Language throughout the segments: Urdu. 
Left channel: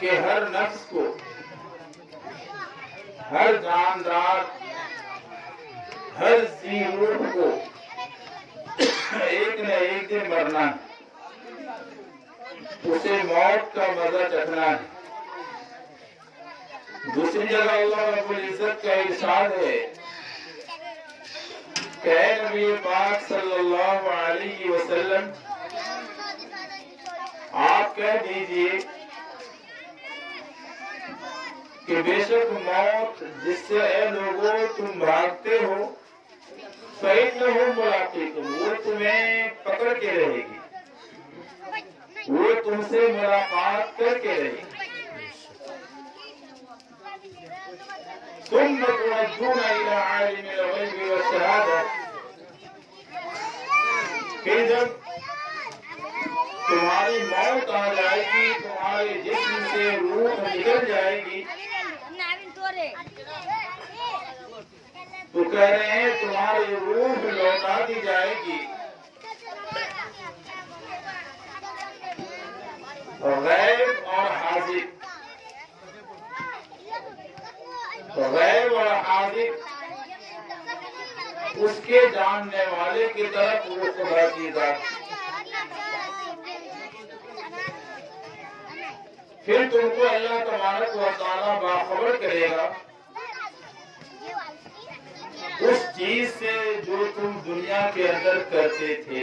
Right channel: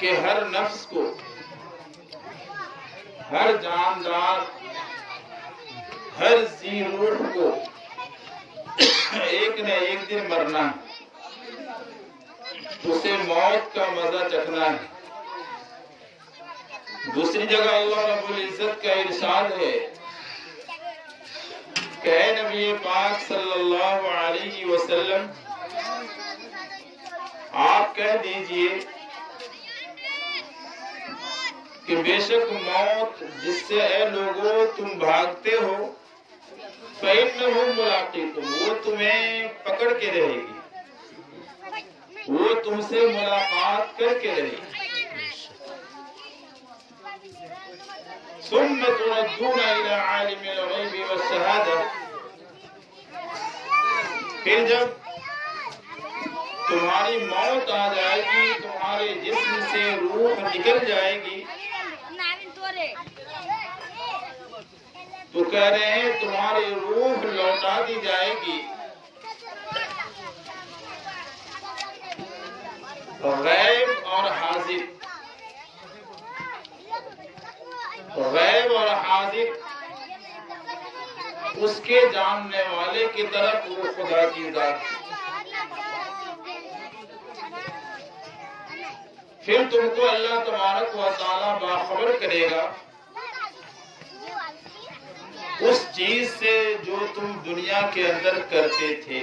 کہ ہر نفس کو، ہر جاندار، ہر ذی روح کو ایک نہ ایک دن مرنا ہے، اسے موت کا مزہ چکھنا ہے۔ دوسری جگہ اللہ رب العزت کا ارشاد ہے کہ اے نبی پاک صلی اللہ علیہ وسلم آپ کہہ دیجئے کہ بے شک موت جس سے اے لوگوں تم بھاگتے ہو فَإِنَّهُ مُلَاقِيكُمْ، وہ تمہیں پکڑ کے رہے گی، وہ تم سے ملاقات کر کے رہے گی۔ ثُمَّ تُرَدُّونَ إِلَىٰ عَالِمِ الْغَيْبِ وَالشَّهَادَةِ، پھر جب تمہاری موت آ جائے گی، تمہارے جسم سے روح نکل جائے گی، تو کہہ رہے ہیں تمہاری روح لوٹا دی جائے گی۔ غیب اور حاضر، غیب اور حاضر اس کے جاننے والے کی طرف وہ خدا کی ذات، پھر تم کو اللہ تبارک و تعالیٰ باخبر کرے گا اس چیز سے جو تم دنیا کے اندر کرتے تھے۔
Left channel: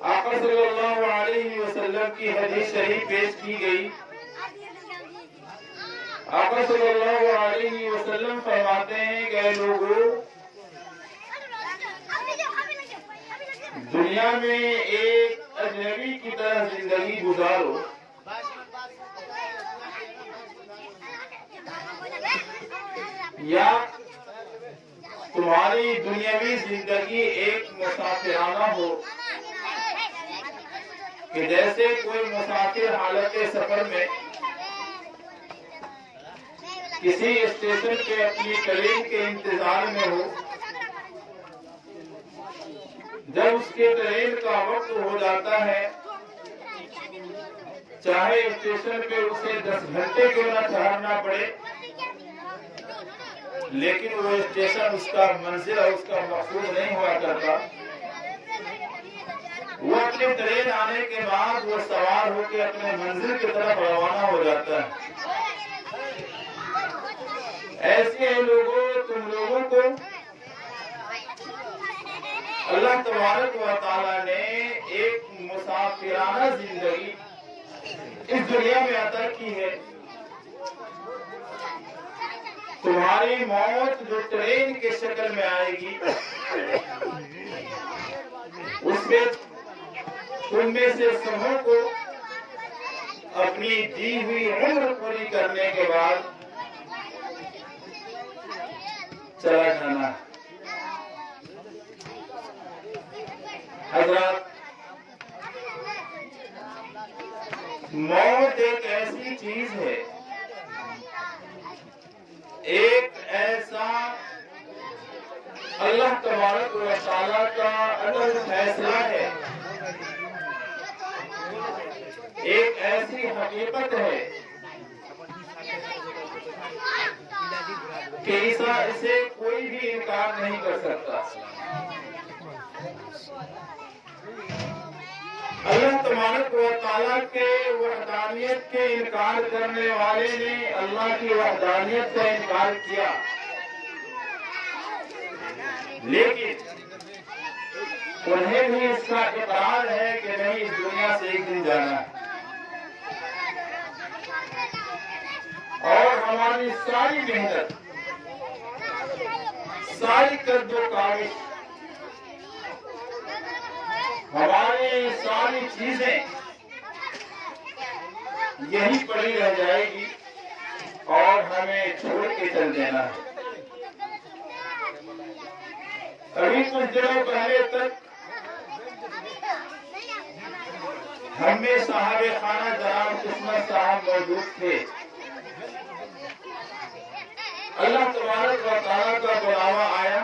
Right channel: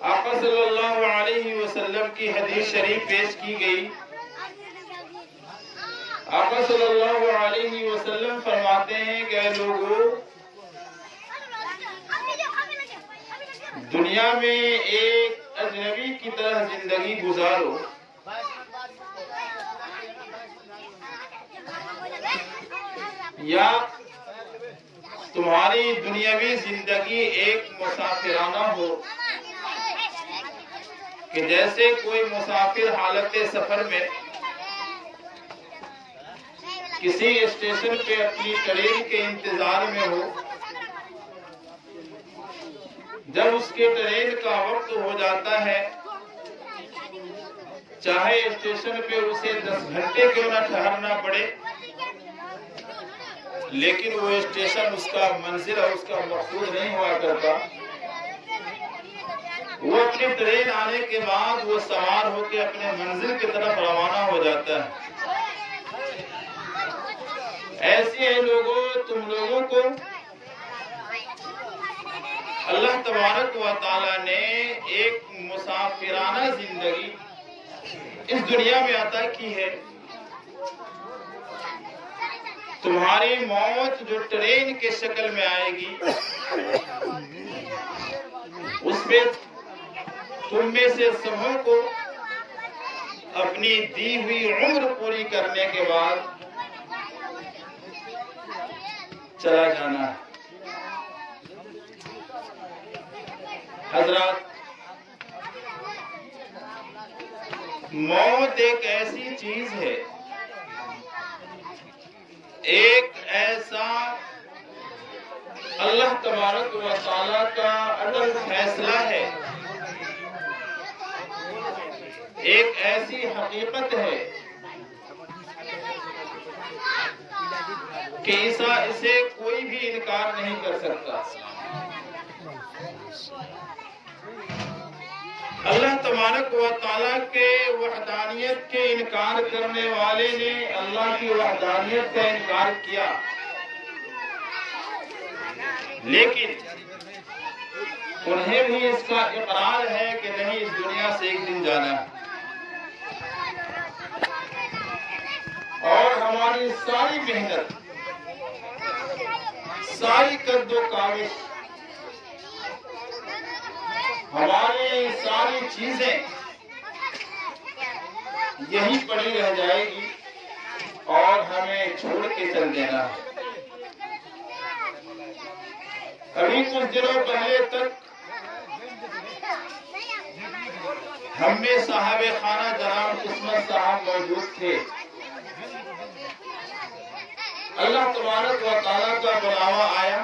آقا صلی اللہ علیہ وسلم کی حدیث شریف پیش کی گئی۔ آقا صلی اللہ علیہ وسلم فرماتے ہیں کہ اے لوگوں، دنیا میں ایک اجنبی کی طرح زندگی گزارو، یا تمہاری دنیاوی زندگی ایک مسافرانہ ہو کہ جیسے کوئی مسافر حالت سفر میں کسی اسٹیشن پہ اپنی ٹرین کے انتظار میں ہو، جب اس کے ٹرین کا وقت ہو جاتا ہے، چاہے اسٹیشن پہ اسے 10 گھنٹے کیوں نہ ٹھہرنا پڑے، لیکن وہ اسٹیشن اس کا منزل اور اس کا مقصود نہیں ہوا کرتا، وہ اپنی ٹرین آنے کے بعد وہ سوار ہو کے اپنے منزل کی طرف روانہ ہو جاتا ہے۔ ایسے ہی لوگوں، تم لوگوں کو اللہ تبارک و تعالیٰ نے ایک مسافرانہ زندگی اس دنیا میں عطا کی ہے۔ تمہاری موت جو ٹرین کے شکل میں آئے گی، اس میں تم میں سے سبوں کو اپنی دی ہوئی عمر پوری کرنے کے بعد چلا جانا ہے۔ حضرات، موت ایک ایسی چیز ہے، ایک ایسا اللہ تبارک و تعالیٰ کا عدل فیصلہ ہے، ایک ایسی حقیقت ہے کہ اسے کوئی بھی انکار نہیں کر سکتا۔ اللہ تبارک و تعالیٰ کے وحدانیت کے انکار کرنے والے نے اللہ کی وحدانیت کا انکار کیا، لیکن انہیں بھی اس کا اقرار ہے کہ نہیں، اس دنیا سے ایک دن جانا ہے، اور ہماری ساری محنت، ساری قد و کاوش، ہماری ساری چیزیں یہی پڑی رہ جائے گی اور ہمیں چھوڑ کے چل دینا ہے۔ ابھی کچھ دنوں پہلے تک ہم میں صاحب خانہ جناب قسمت صاحب موجود تھے۔ اللہ تبارک و تعالیٰ کا بلاوا آیا،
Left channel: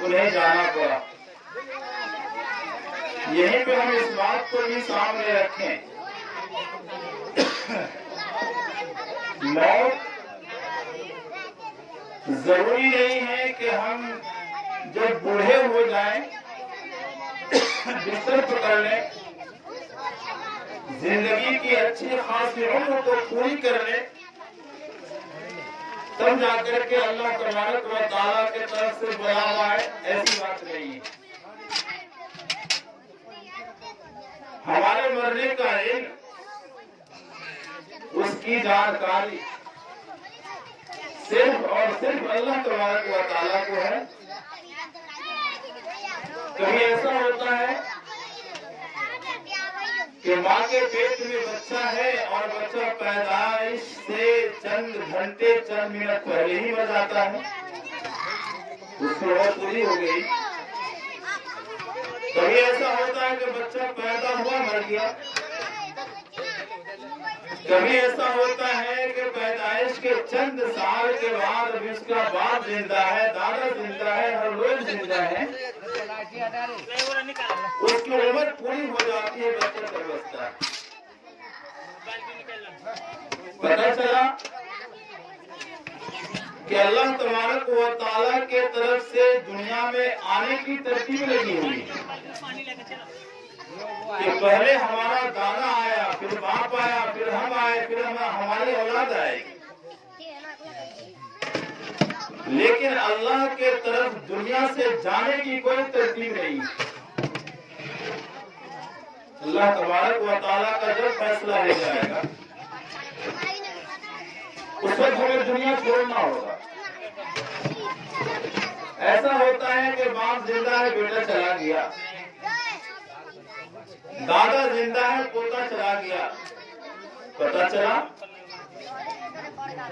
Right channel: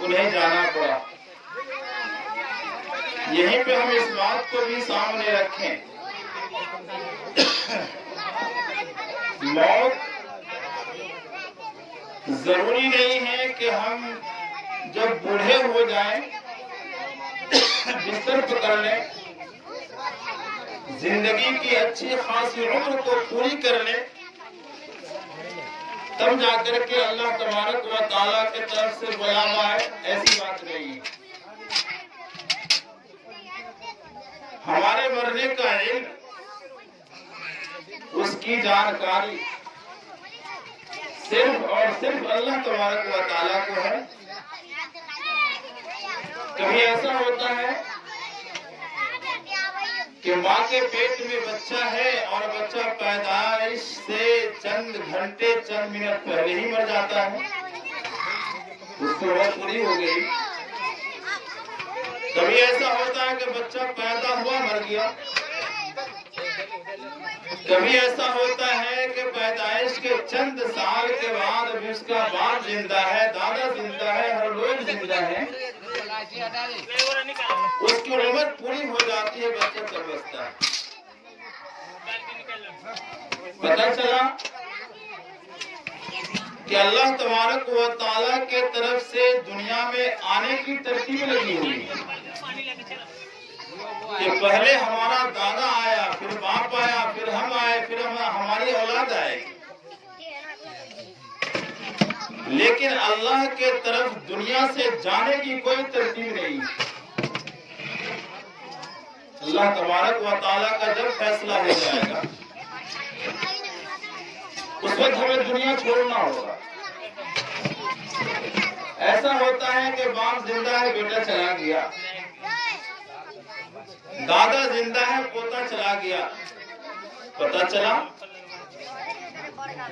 انہیں جانا پڑا۔ یہیں پہ ہم اس بات کو بھی سامنے رکھیں، موت ضروری نہیں ہے کہ ہم جب بوڑھے ہو جائیں بستر پکڑ لیں، زندگی کی اچھی خاصی عمر کو پوری کر لیں، تب جا کر کے اللہ تبارک و تعالیٰ کی طرف سے بلاوا ہے، ایسی بات نہیں ہے۔ ہمارے مرنے کا علم، اس کی جانکاری صرف اور صرف اللہ تبارک و تعالیٰ کو ہے۔ کبھی ایسا ہوتا ہے کہ ماں کے پیٹ میں بچہ ہے اور بچہ پیدائش سے چند گھنٹے چند منٹ پہلے ہی مر جاتا ہے، اس کی عمر پوری ہو گئی۔ کبھی ایسا ہوتا ہے کہ بچہ پیدا ہوا مر گیا، کبھی ایسا ہوتا ہے کہ پیدائش کے چند سال کے بعد بھی اس کا باپ زندہ ہے، دادا زندہ ہے، ہر لوگ زندہ ہے، اس کی عمر پوری ہو جاتی ہے، بچہ تب بچتا ہے۔ پتہ چلا کہ اللہ تبارک و تعالیٰ کے طرف سے دنیا میں آنے کی ترتیب لگی ہوئی کہ پہلے ہمارا دادا آیا، پھر باپ آیا، پھر ہم آئے، پھر ہماری اولاد آئے گی۔ لیکن اللہ کے طرف دنیا سے جانے کی کوئی ترتیب نہیں۔ اللہ تبارک و تعالیٰ کا جب فیصلہ ہو جائے گا اس وقت ہمیں دنیا چھوڑنا ہوگا۔ ایسا ہوتا ہے کہ باپ زندہ ہے، بیٹا چلا گیا، دادا زندہ ہے، پوتا چلا گیا، پتہ چلا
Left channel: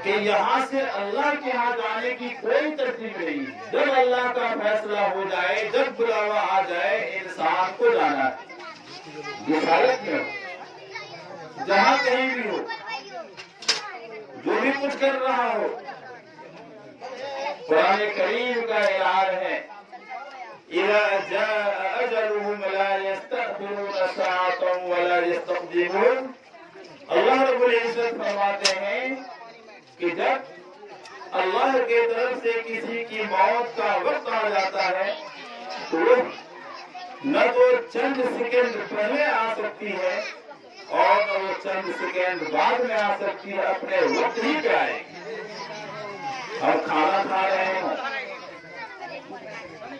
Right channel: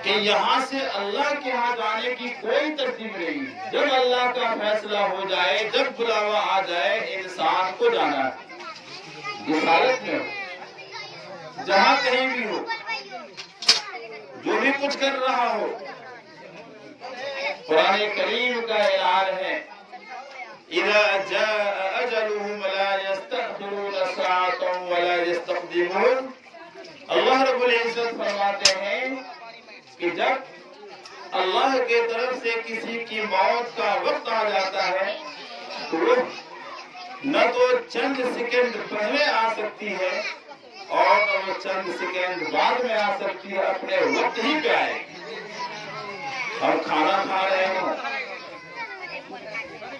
کہ یہاں سے اللہ کے ہاں جانے کی کوئی ترتیب نہیں۔ جب اللہ کا فیصلہ ہو جائے، جب بلاوا آ جائے، انسان کو جانا ہے، جس حالت میں ہو، جہاں کہیں بھی ہو، جو بھی کچھ کر رہا ہو۔ قرآن کریم کا اعلان ہے اِذَا جَاءَ أَجَلُهُمْ لَا يَسْتَأْخِرُونَ سَاعَةً وَلَا يَسْتَقْدِمُونَ۔ اللہ رب العزت فرماتے ہیں کہ جب اللہ کے طرف سے کسی کی موت کا وقت آ جاتا ہے تو نہ تو چند سیکنڈ پہلے آ سکتی ہے اور نہ وہ چند سیکنڈ بعد میں آ سکتی ہے، اپنے وقت ہی پہ آئے۔ ہم کھانا کھا رہے ہوں،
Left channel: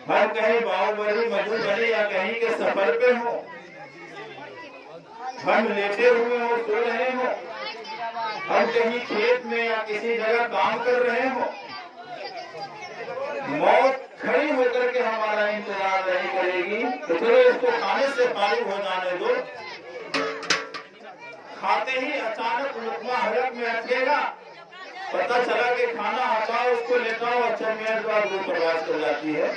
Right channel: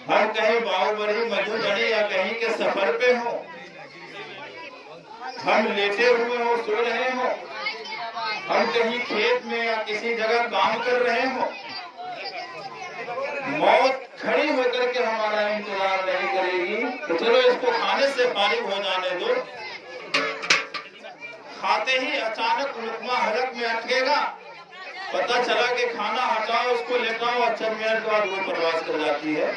ہم کہیں باہوبلی مدھوبنی یا کہیں کے سفر پہ ہوں، ہم لیٹے ہوئے ہوں، سو رہے ہوں، ہم کہیں کھیت میں یا کسی جگہ کام کر رہے ہوں، موت کھڑی ہو کر کے ہمارا انتظار نہیں کرے گی تو چلو اس کو کھانے سے فارغ ہو جانے دو۔ کھاتے ہی اچانک لقمہ حلق میں اٹکے گا، پتہ چلا کہ کھانا ہٹاؤ، اس کو لیتا ہوں، اور چند منٹ بعد وہ پرواز کر جاتی ہے۔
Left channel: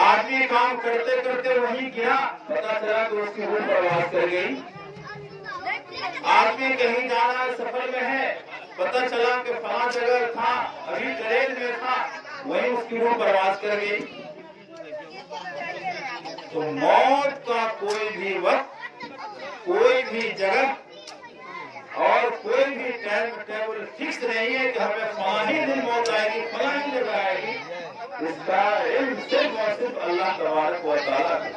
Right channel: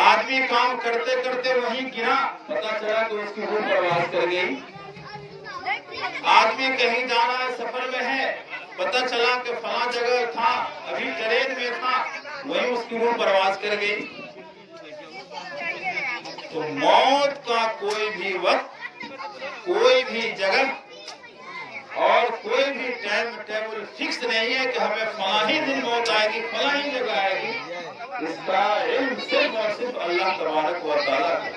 آدمی کام کرتے کرتے وہیں گرا، پتہ چلا کہ اس کی روح پرواز کر گئی۔ آدمی کہیں جا رہا ہے، سفر میں ہے، پتہ چلا کہ فلاں جگہ تھا، ابھی ٹرین میں تھا، وہیں اس کی روح پرواز کر گئی۔ تو موت کا کوئی بھی وقت، کوئی بھی جگہ اور کوئی بھی ٹائم ٹیبل فکس نہیں ہے کہ ہمیں فلاں ہی دن موت آئے گی، فلاں ہی جگہ آئے گی۔ اس کا علم صرف اور صرف اللہ تبارک و تعالیٰ ہے۔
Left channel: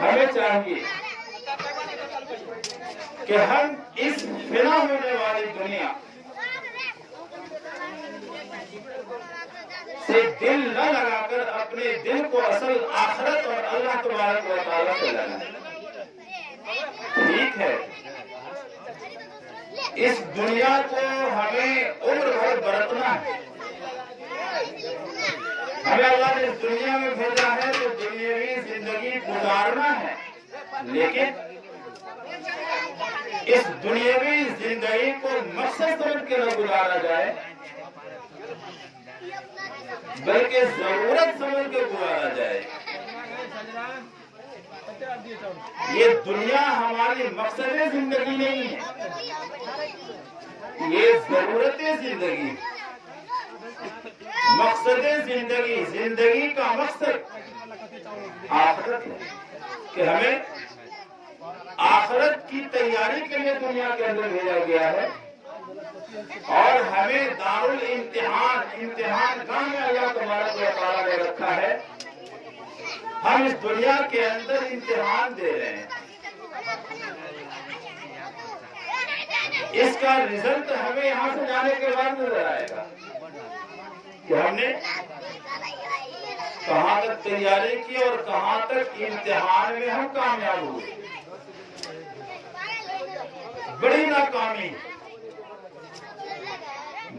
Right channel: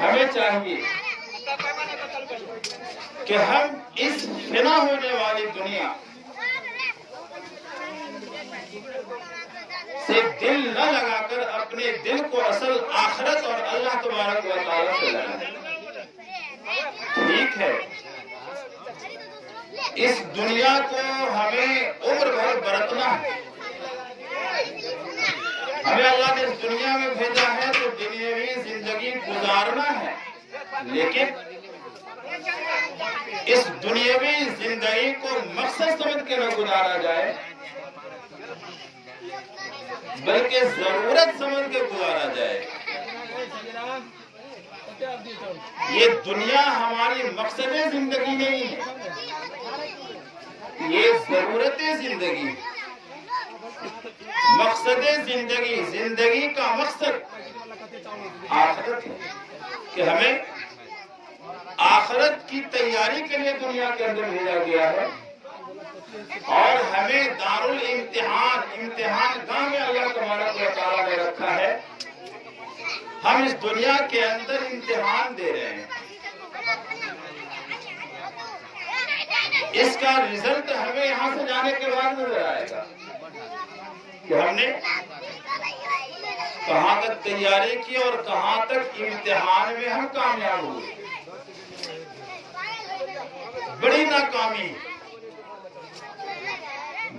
ہمیں چاہیے کہ ہم اس فنا ہونے والی دنیا سے دل نہ لگا کر اپنے دل کو اصل آخرت اور اللہ تبارک و تعالیٰ سے لگائیں۔ ٹھیک ہے، اس دنیا کو ہمیں عمر بھر برتنا ہے، ہمیں اللہ نے اس دنیا میں بھیجا ہے تو دنیاوی زندگی گزارنا ہے، لیکن اس دنیاوی زندگی کو مقصد سمجھ کے نہ گزارا جائے بلکہ ضرورت سمجھ کے گزارا جائے۔ یہ دنیا ہماری مقصد زندگی نہیں ہے، یہ ضرورت زندگی ہے۔ مقصد زندگی، زندگی کا مقصد آخرت ہے کہ ہمیں آخرت کی تیاری کے لیے دنیا کے اندر بھیجا گیا ہے، اور ہمیں دارالامتحان، امتحان گاہ میں اللہ تبارک و تعالیٰ نے رکھا ہے۔ ہم اس دنیا کے اندر امتحان دے رہے ہیں، اس کا رزلٹ ہمیں یہاں سے جانے کے بعد نظر آئے گا کہ ہم نے کہاں تک تیاری کی اور کہاں تک امتحان میں ہم کامیاب ہوئے۔ بڑی ناکامی،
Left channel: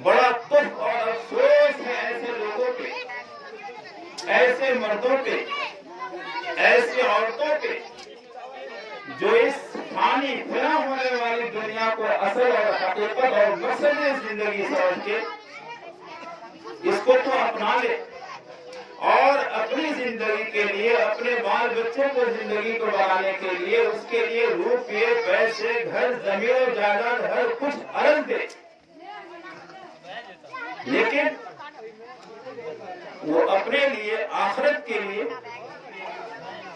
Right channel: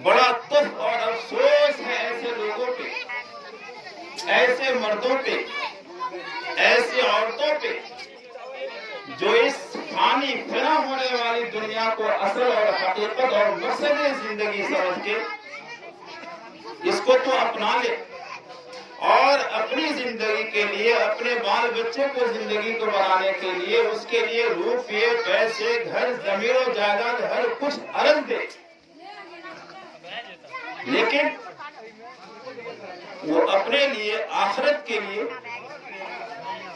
بڑا دکھ اور افسوس ہے ایسے لوگوں پہ، ایسے مردوں پہ، ایسی عورتوں پہ جو اس فانی فنا ہونے والی دنیا کو اصل اور حقیقت اور مقصد زندگی سمجھ کے اس کو تو اپنا لے، اور اپنی زندگی کے لیے، اپنے بال بچوں کو زندگی کو بنانے کے لیے، اس کے لیے روپیے، پیسے، گھر، زمین و جائیداد ہر کچھ عرض دے، لیکن وہ اپنے لیے، آخرت کے لیے،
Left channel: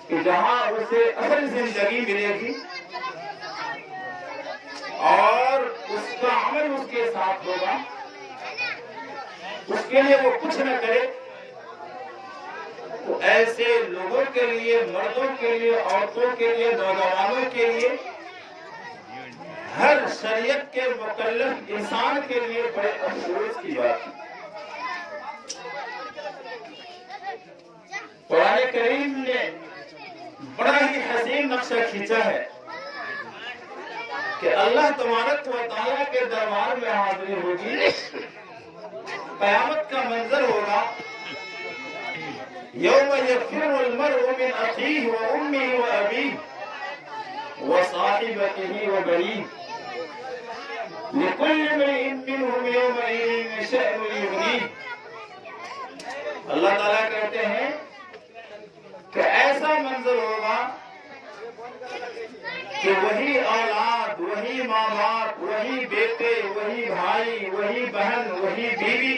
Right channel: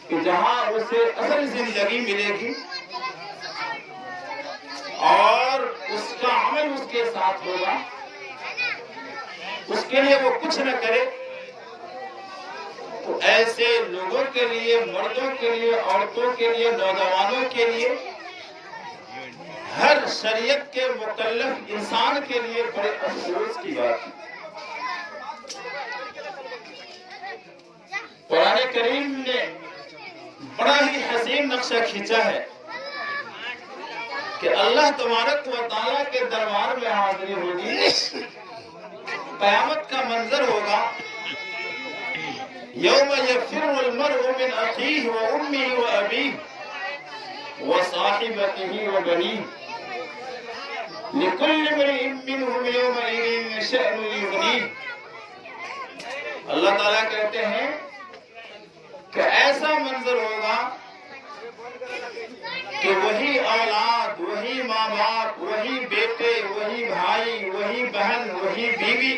کہ جہاں اسے اصل زندگی ملے گی اور اس کا عمل اس کے ساتھ ہوگا، اس کے لیے وہ کچھ نہ کرے، تو ایسے لوگوں کے لیے، مردوں کے لیے، عورتوں کے لیے، نوجوانوں کے لیے، ہر شریعت کے مکلف انسان کے لیے بڑے افسوس کی بات ہے۔ قرآن کریم نے بڑا ہی حسین نقشہ کھینچا ہے کہ اللہ تبارک و تعالیٰ کے دربار میں حاضری ہوگی، قیامت کا منظر ہوگا، یوم یفر المرء من اخیہ و امہ و ابیہ و صاحبتہ و بنیہ لکل امرئ منہم یومئذ شأن یغنیہ۔ اللہ تعالیٰ کہتے ہیں کہ ایسا منظر ہوگا کہ وہی اولاد، وہی ماں باپ، وہی بیٹے، وہی بھائی، وہی بہن، وہی بیوی،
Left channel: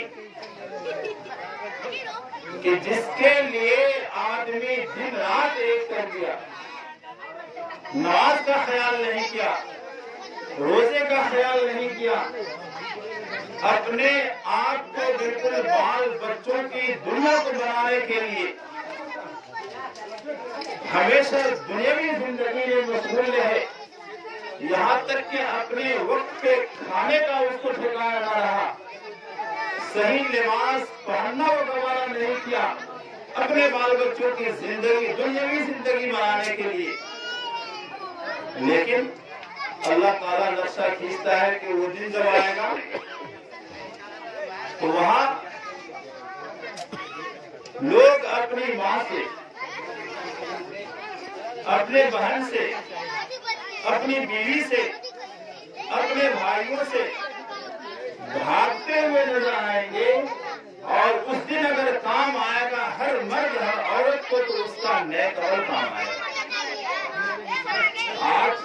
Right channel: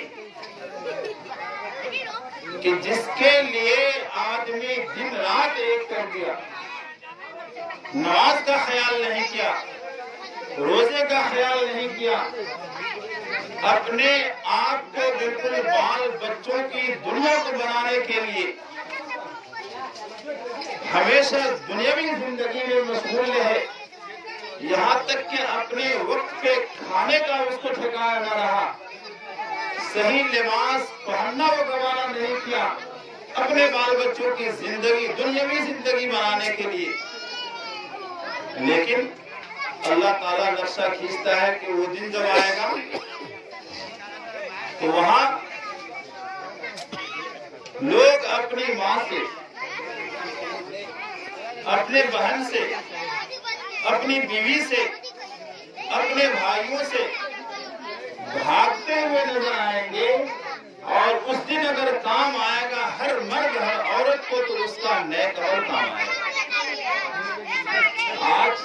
کہ جس کے لیے آدمی دن رات ایک کر دیا، نماز کا خیال نہیں کیا، روزے کا خیال نہیں کیا، اپنے آپ کو بالکل بال بچوں کی دنیا کو بنانے کے لیے ہمیشہ دنیاوی زندگی میں مشغول رہے، یہاں تک کہ اپنے وقت پہ کھانے کا اس کو ٹھکانا نہ رہا، صحیح لباس پہننا وہ گوارا نہیں کیا، اپنے بال بچوں کی زندگی، دنیاوی زندگی بنانے کے لیے۔ لیکن اللہ تعالیٰ نقشہ کھینچتا ہے کہ وہ دن جب آئے گا تو وہاں لوگ اپنی ماں سے، اپنے بہن سے، اپنی بیوی سے، اپنے بھائیوں سے بھاگتے ہوئے نظر آئیں گے، اور اس دن اگر کام آئے گا ہر مرد ہر عورت کو تو اس کا نیک عمل کام آئے گا۔ آج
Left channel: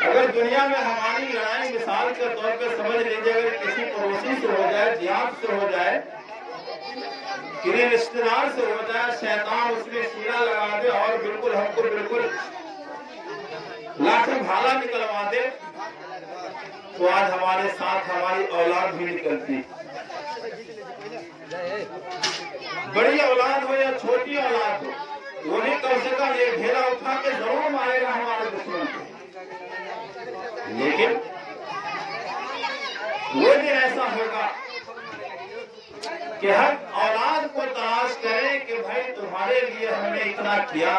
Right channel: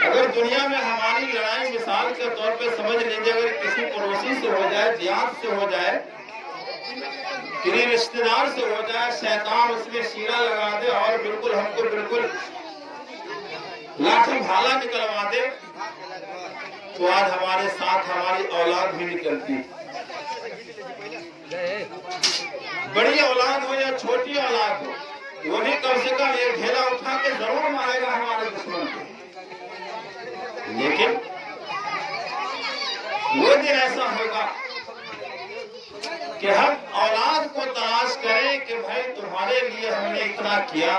اگر دنیا میں ہماری لڑائی مثال کے طور پہ سمجھ لیجیے، اگر کسی پڑوسی سے ہو جائے، دیہات سے ہو جائے، کسی رشتے دار سے ہو جائے، شیطان اس میں شیرہ لگا دے اور بالکل ہم کو بالکل لاٹھی بھالا نکلوا دے، تو آج ہمارے ساتھ ہماری اولاد بھی نکلتی، بڑی اولاد ہو یا چھوٹی اولاد ہو، وہ بھی کم سے کم ایک ڈھیلا اٹھا کے ضرور مارے گا ہمارے دشمن کو۔ لیکن وہ دن ایسا ہوگا کہ ہم اولاد کو تلاش کریں کہ بھائی تمہارے لیے ہم نے اتنا کیا،